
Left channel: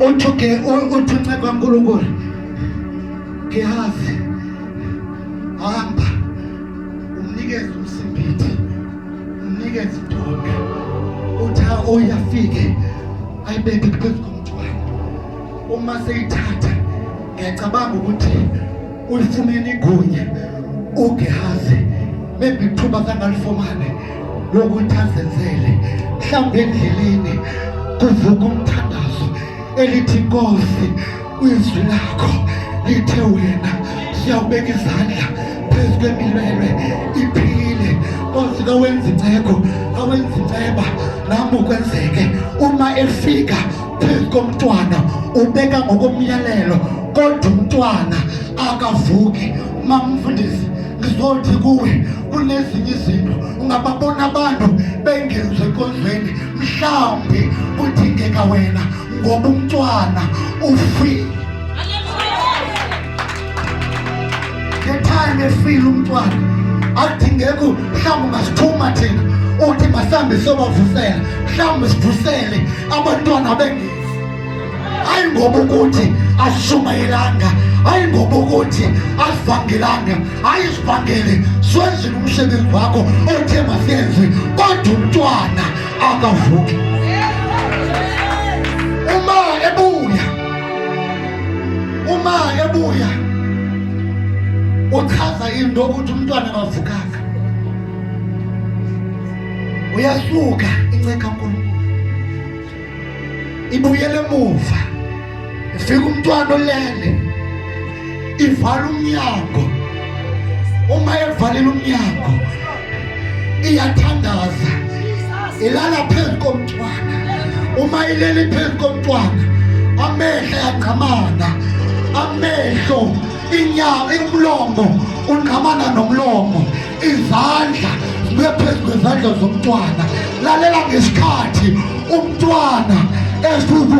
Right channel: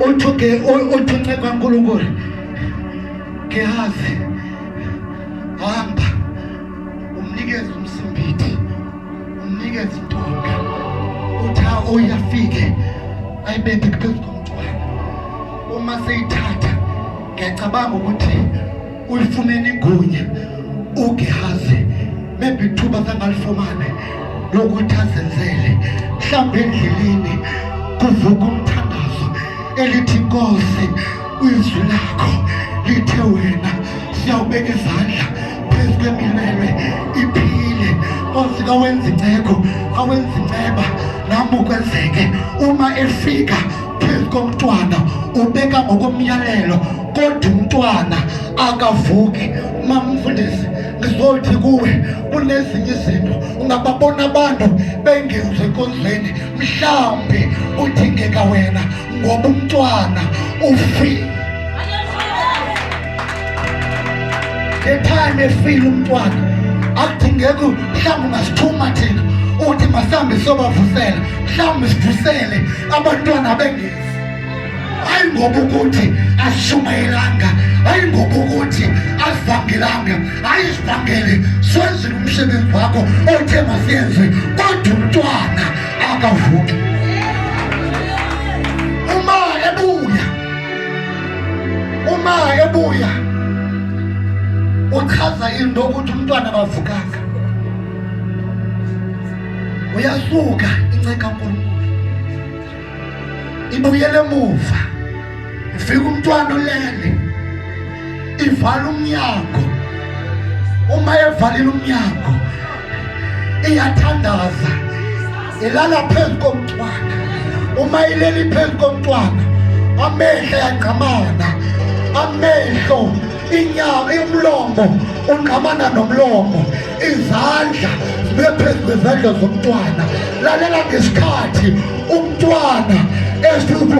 Uthuke kaNkulunkulu. Gehazi hamba umnikeze umsimbithi, umnikeze intonga. Utha uyafike ayibeke phezu komntwana. Uma seyithatha ngiyacabanga ukuthi uyifumene igunya uGehazi maybe ithuba sangalifumane lokuthi azenzele mhlawumbe endleleni kuvuka umthandazo elithi Nkosi izwi lakho lithe wena siyawubeka izandla phezu kwemilwelwe iphile. Nkosi kawenza inceko kawenza inceba nami ukwenzeke. Uma efika phezu komntwana ubeka ngokomyalelo kodwa umntwana akavuki. Mamfundisi ngizothi kuwe kunezinye izinto ungababona abantu bengezwe enkonzweni mhlawumbe udingeka wena ngoba umntwana ufile. The time efile umntwana akudingeki mhlawumbe ungasithuma thina uthi masihambe sobavusela mhlawumbe sivusele abantwana bengezi. Hayi ngoba ukuthi asishumayelanga, hayi ngoba ukuthi asivangelanga, hayi sivangele siwenzele umsebenzi wakho othe masiyenze kodwa umntwana akavuki. Uma ebuya uchaza into ukuthi umntwana akavukanga, uyasuka inceka kaNkulunkulu ibuyele emuva. Ifika umntwana olele ivala umnyango. Uma evalile umnyango iyathandaza ilala phezu komntwana. Uma ileli phezu komntwana amehlo yaqhamana, amehlo inyama imlomo ungqamana nomlomo, izandla ziphezu kwezandla zomntwana. Lalela ngesikhathi umntwana evuka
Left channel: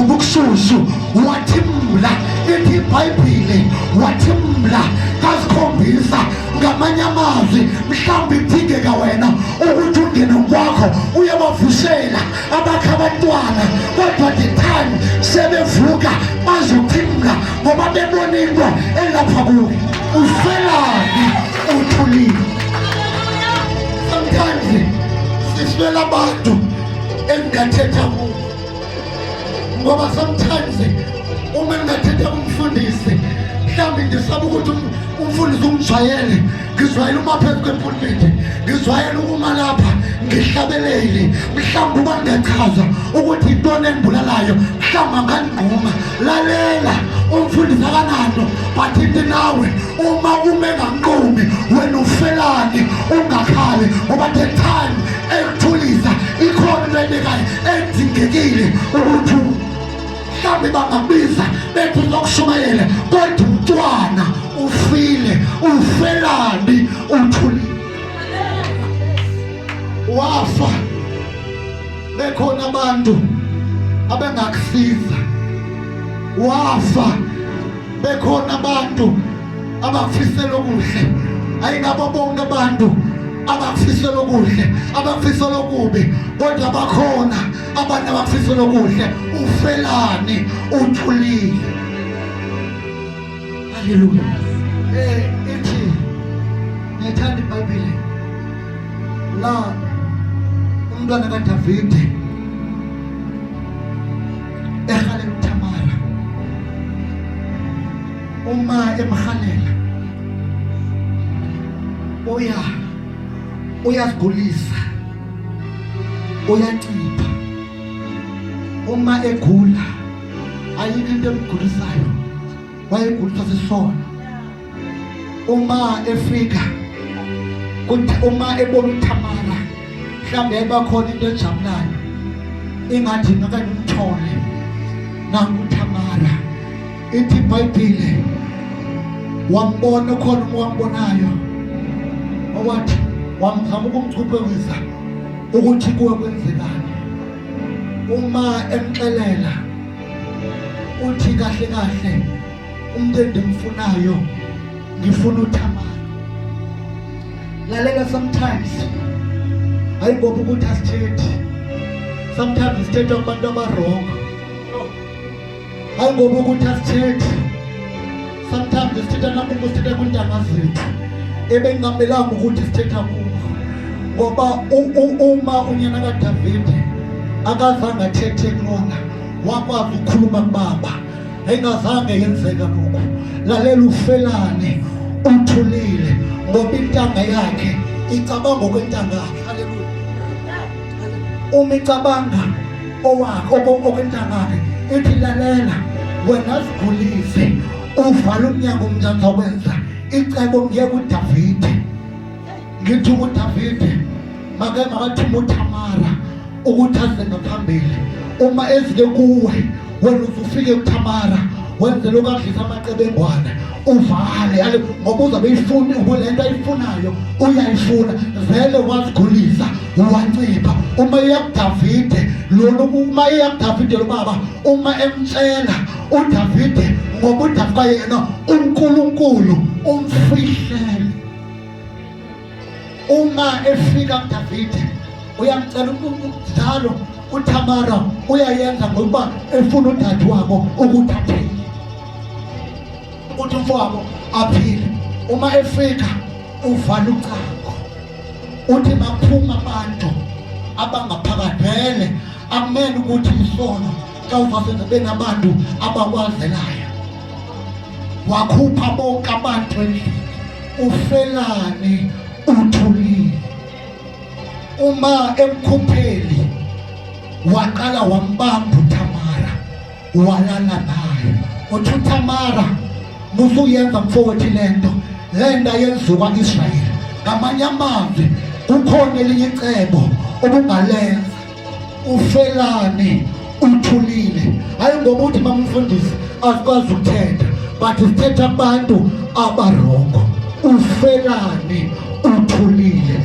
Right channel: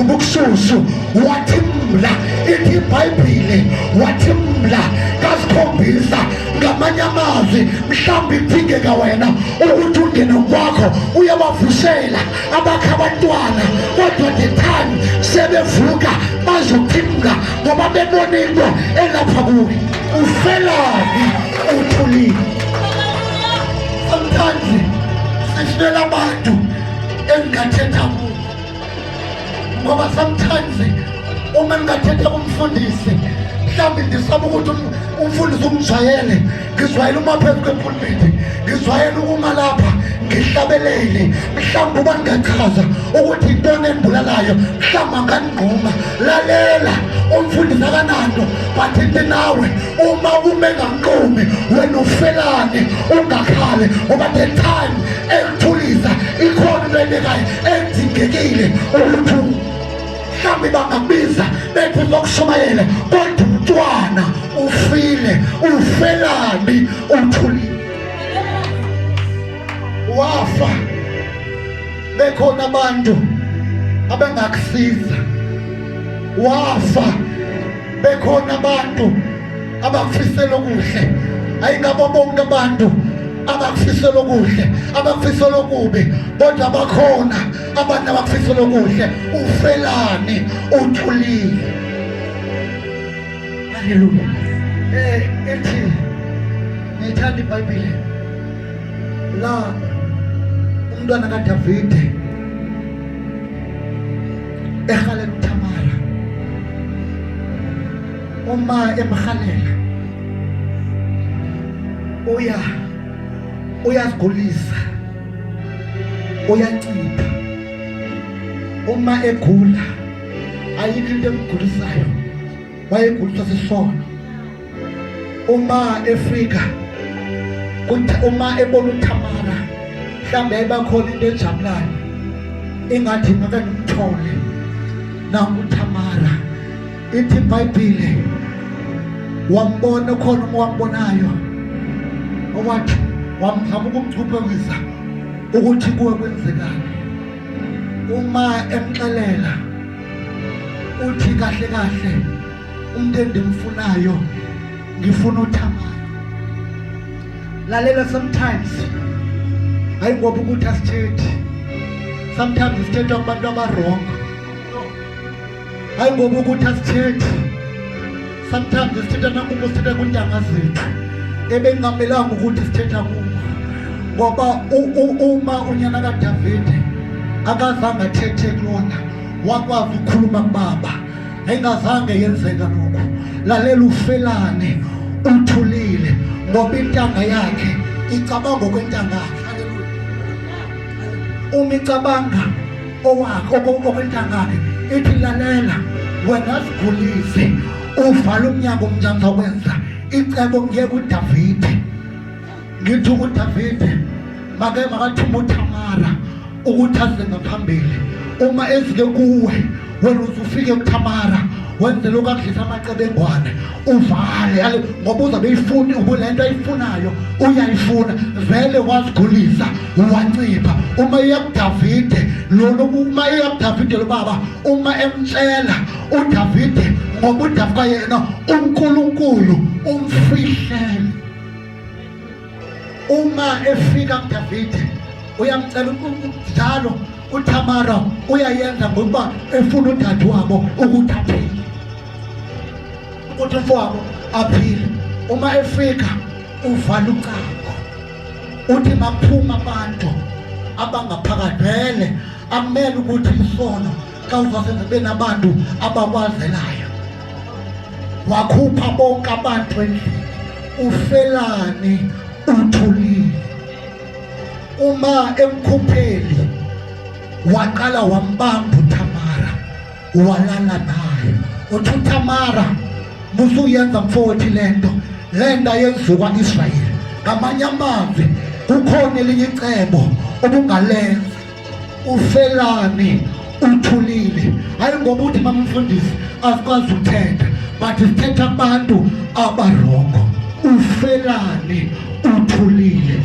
ukushushu wathi mla, ithi iBhayibhile wathi mla kasikhombisa ngamanye amazwi mhlawumbe idingeka wena ukuthi ungene kwakho uyabavusela abakha abantwana kodwa the time sebevuka bazophimka ngoba bebona into elapha kuwe. Ufelani uthulile. Sometimes sifela abantu engathetha kubo ngoba sometimes uma ngathetha kumfundisi mhlawumbe ndisaba ukuthi umfundisi umjwayele ngizwayele uma phezu kwepulpit ngizwayele ukuma lapha ngihlabelele mhlawumbe uba ngingachaza ukuthi intoni endibulalayo mhlawumbe angandinquma. Lalela umfundisi akananto but ithi nawe uma enganqumi wena ufelani ungakhali ngoba the time ekuthulisa ikhona into eyenzekayo edingekile ukuthi mhlawumbe bangabiza bethi zokushumayela kodwa umntwana ufile. Ufelani uthulile. Wafa bekhona abantu abangakusiza. Wafa bekhona abantu abakufisela okuhle. Ayingabo bonke abantu abakufisela okuhle abakufisela okubi kodwa bakhona abantu abakufisela okuhle. Ufelani uthulile. Haleluya. Ethi ngithanda iBhayibheli la umntwana kaDavide ehalela uThamara. Uma emhalela uyazigulisa uyancipha. Uma egula ayikho into emgulisayo wayegulisa sisono. Uma efika uma ebona uThamara mhlawumbe ebakhona into ejabulayo engathi ngakanimthole nangu uThamara. Ithi iBhayibheli wambona khona wambonayo owathi wamzama ukumchuphekisa ukuthi kuwe kwenzekani. Uma emxelela uthi kahle kahle umuntu endimfunayo ngifuna uThamara. Lalela sometimes ayingoba ukuthi asithethi. Sometimes sithetha kubantu abarongo. Ayingoba ukuthi asithethi. Sometimes sithetha nakubo sithetha kuntanga zethu ebengamelanga ukuthi sithetha kubo ngoba uma unyana kaDavide akazange athethe kulona wakwazi ukukhuluma kubaba engazange yenzeka lokho. Lalela ufelani uthulile ngoba intanga yakhe icabanga okwentanga yakhe. Haleluya. Uma icabanga okwentanga yakhe ithi lalela wena sigulise uvala umnyaka umnjani wenza icebo ngiye kuDavide ngithi kuDavide makathuma uThamara ukuthi aze ngaphambili. Uma ezike kuwe wena uzufike kuThamara wenze lokho akudlisa amacebengwana uvale ngoba uzabe uyifuni ubulento ayifunayo uyayifuna vele wazigulisa wancipha. Uma iya kuDavide uma iya kuDavide lo baba uma emtshela uDavide ngoba uDavide yena uNkulunkulu umfihlele. Uma efika kuDavide uyamcela njalo uThamara uyayenza ngoba efuna udade wabo ukuthi aphile ukuthi umfowabo aphile. Uma efika uvala ucango uthi baphuma abantu abangaphakathi vele akumele ukuthi isono xa uzasenza benabantu abakwazelayo. Wakhupha bonke abantu endlini. Ufelani uthulile. Uma emkhupheli waqala wambamba uThamara walala naye. Uthi uThamara musuyenza mfowethu lento ayenziwa kwaIsrayeli. Ngamanye amazwi kukhona elinye icebo obungalenza. Ufelani uthulile. Hayi ngoba uthi bamfundisi asikwazi ukuthetha but sithetha abantu abarongo. Ufelani uthulile.